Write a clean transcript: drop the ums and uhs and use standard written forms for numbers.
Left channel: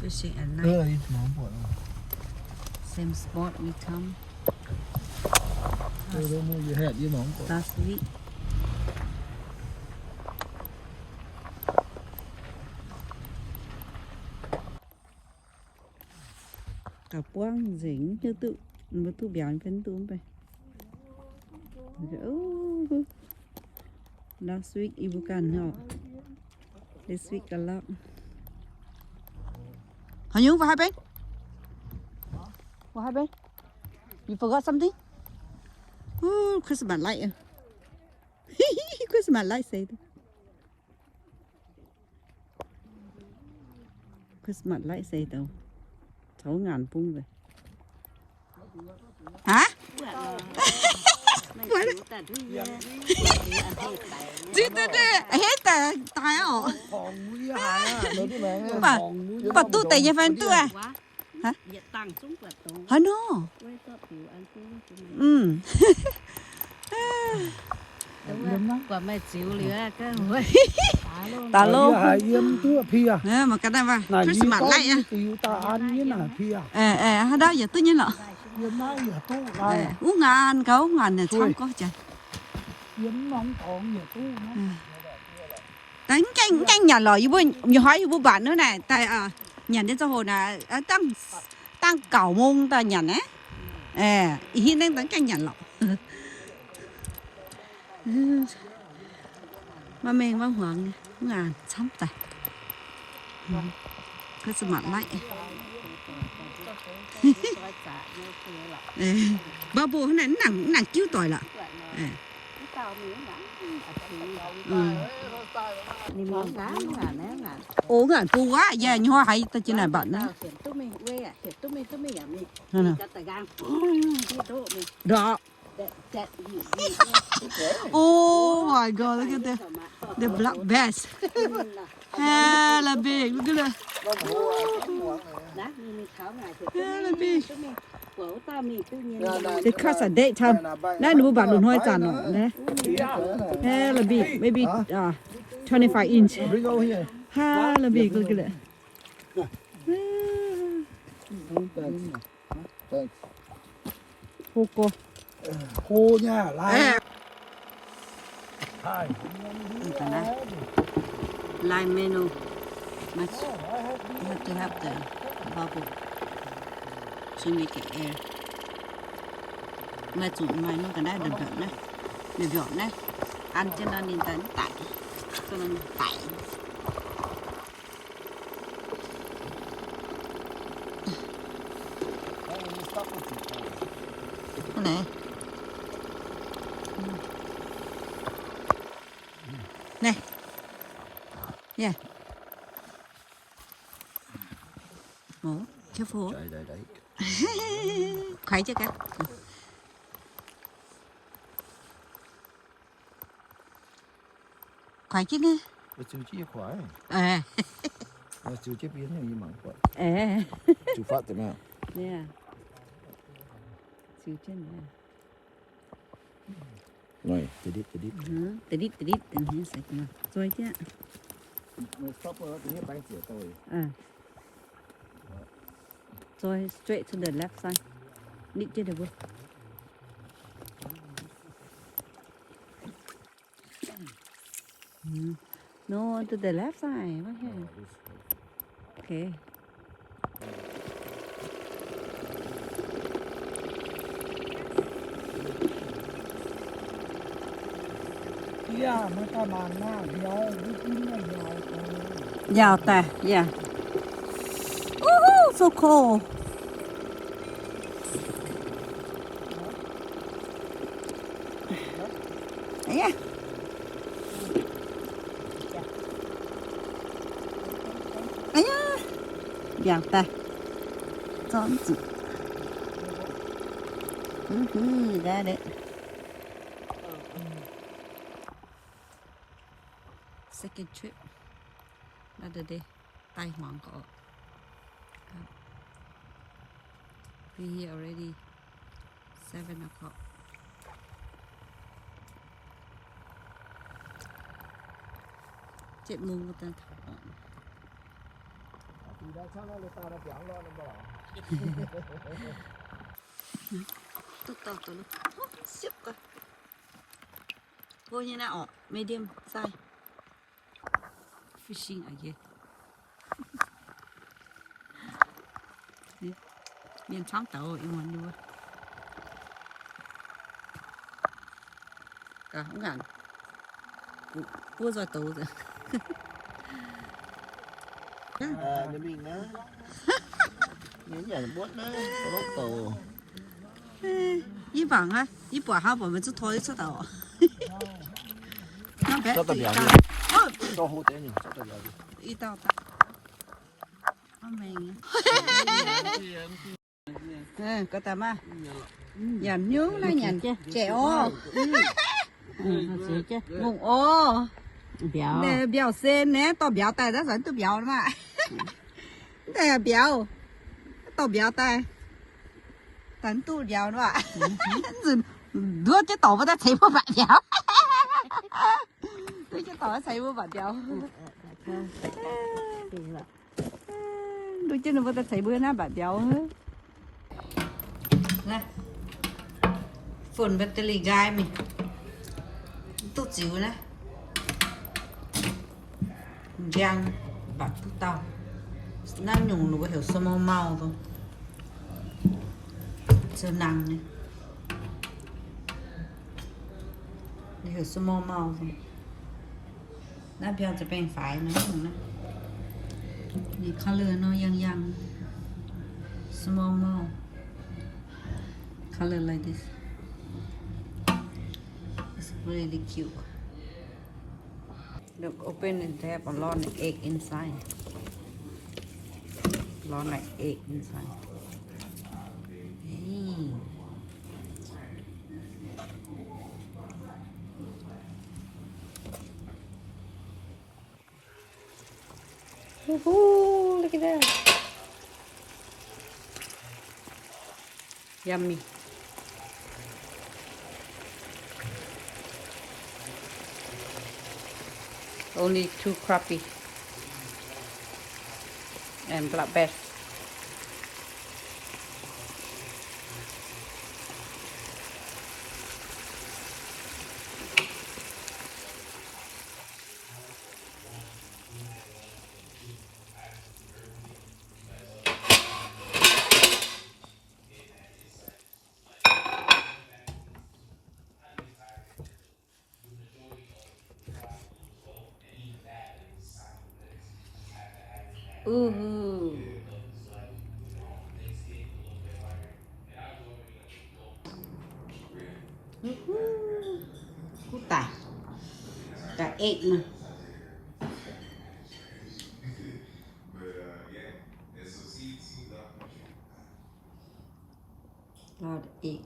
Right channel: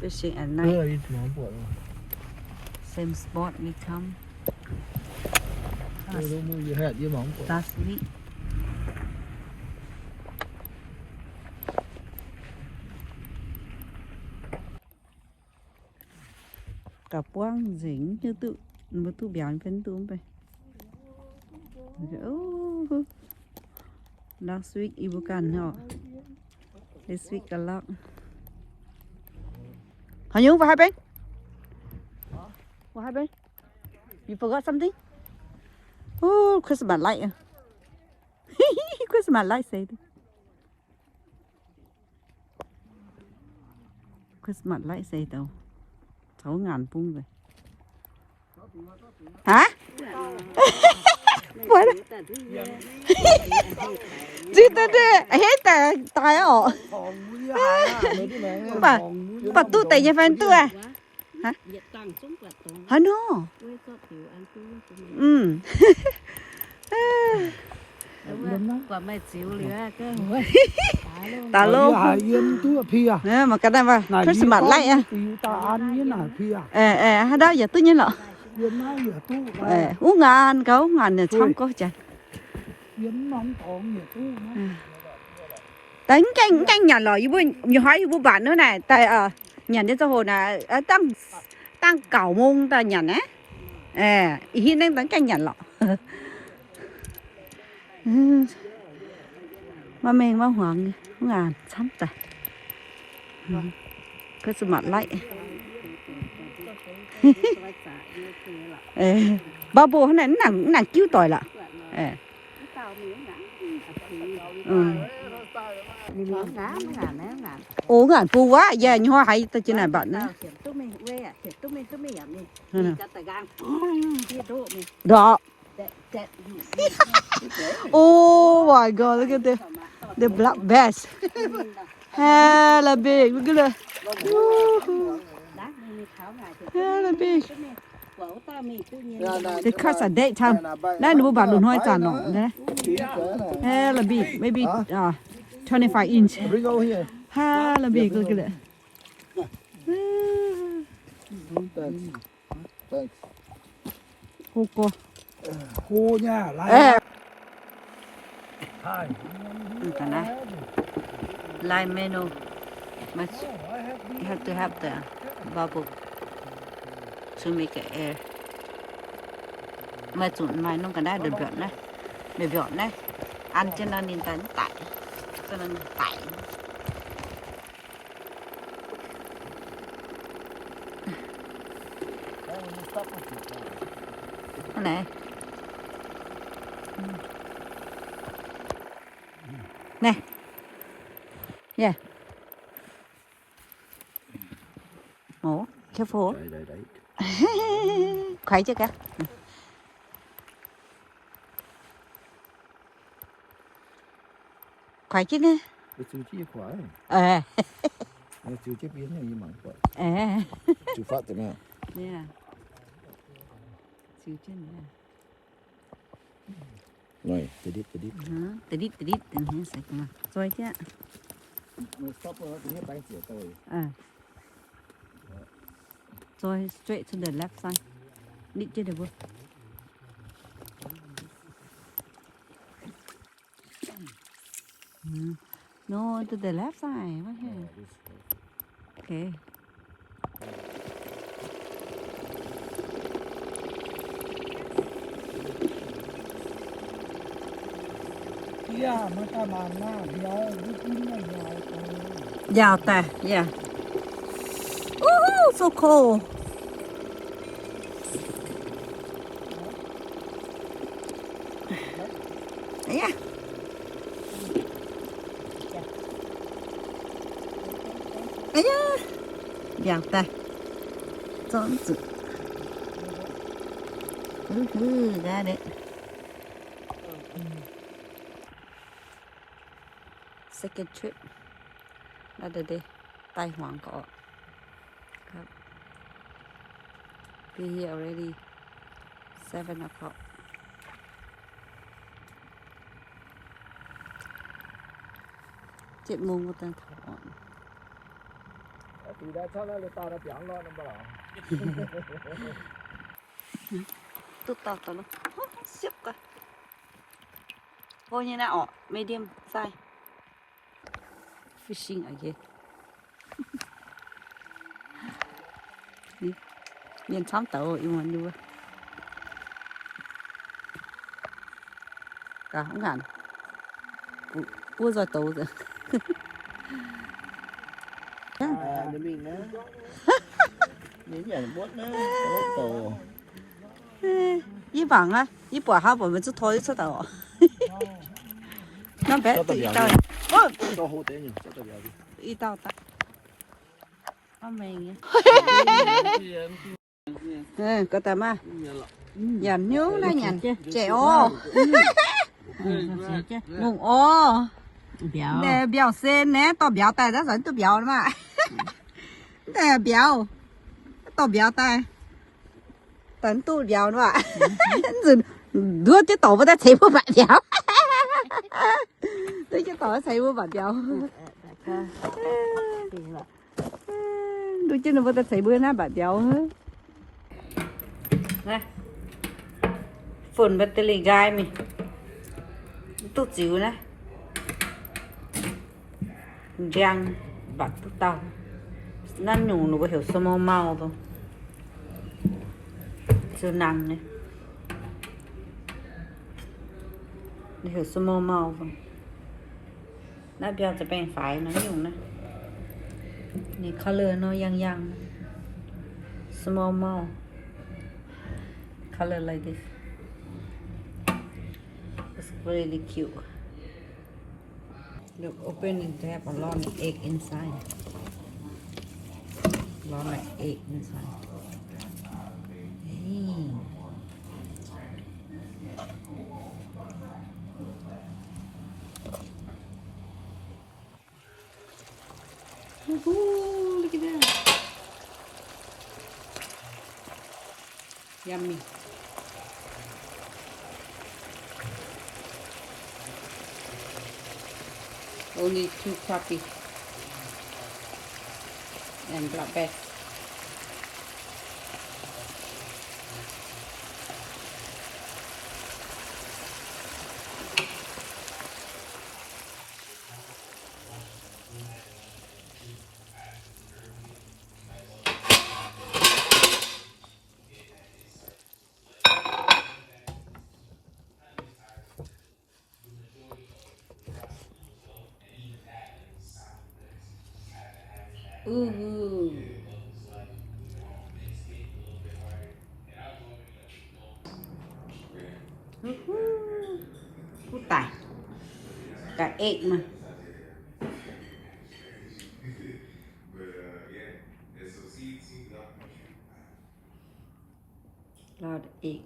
fishing at เอ night อสมองปวด same spot we come เออมืออยู่แหดยี่หมองปวด last week cả quang dính như tự một tu béo phấn tuไป last week ibu kan họ this week a lot How you? What happened? What happened? You forgot something? Oh, Christmas light. Christmas light say. Christmas light say đâu. 6.000 pung rồi. Hả? What? Gì thế đấy? Hết tài à? Bà tu tại nhà fan tu à? Hả? Hả nó? Ừ. Quả mày chịu lửa cái hồi. Tà lô. Nè mà cái này mà Christmas light à? Đó giờ tôi nhớ lọ. Uống ngàn cậu ngàn này xong có chả. Đánh canh nhà lò như nhiều hỏi như bạn nữa này tại nhà đến sau hồi là tăng cẩu mông ta nhà á hiện đang đánh canh nhà lọ mà mình mà hoàng ngàn sắm tài cái sự mặt lại ba bố này nàng cứu tội lạ ủa ngàn phu quá giờ như hoa hay tôi trên này bạn nữa đó oh my god look at the black bass hella big look at that hella big they catch at daytimeนั่นหนูบัดหนูน้อยจานหนูนะ hella big maybe 25 inch hella big look at that cô nha lại cái này line menu much you have to have the bubble to make it air mà chuẩn mai nó cái này được gọn đấy ăn cho nó nên tán tải cho nó tải cái này này yeah ủa cái phố đấy khoái chưa cả khoái chứ nè chú chi khoái chú chế biến này như mỏng quậy chú phát từ nào yeah chú chân rồi từ đít sạch mà rồi chứ một stop rồi thì hết bay chĩa tôi rồi straight to the left side định chưa được không no to the left side what here okay yeah mà ta làm na giàu ta yeah so cool yeah giàu ta chọn chữ ra đấy second trip another day ไต้หวันก็ครับ be here already 7 o'clock 7 โมงก็ต้องถอน你来唱那个大的tiếng lo nó bảo tụt tao nó xếp cơ thôi như nào medium size fishing again nhìn chấm tàu yêu muốn đi cả không hẳn cua rồi tàu rồi cái mình á nhớ nhảy bốt đấy bốt tổ一绑啊，一绑哈，我们就拖一次的哦。那别一道，哦，cho hô tế nhìn cho béo đi 一道大，我没呢。嗯，có tầm à? Giảm nhớ là nhàn trẻ ô. Bụng ô. Để béo sen nè, tao béo tay đó rồi tao béo mà. Để béo, tao béo tay. Tấn tu béo nữa ạ. Đứa chứ tổ với ta thấy một bạn béo. Đứa chứ tổ thấy một bạn béo. Đứa chứ nó với ta thấy bữa nay bạn béo hơn. Này. Phun bật tê gai mình. Tốt xíu nè. Giang bạn tốt tao. Năn nhủ nó có hiểu sao mau mau không? Chưa nặng này. Hiểu sao mau mau không? Nó béoจะแบ่งฝ่ายมันอยู่นะนี่ color nó yang small mouth color like this it's really cute look open and have a lot of egg inside lot of egg inside hey. Woohoo, look at that. Yummy. Only 2 crappie and black bass. Ooh. Cú tải cả egg mà lot of egg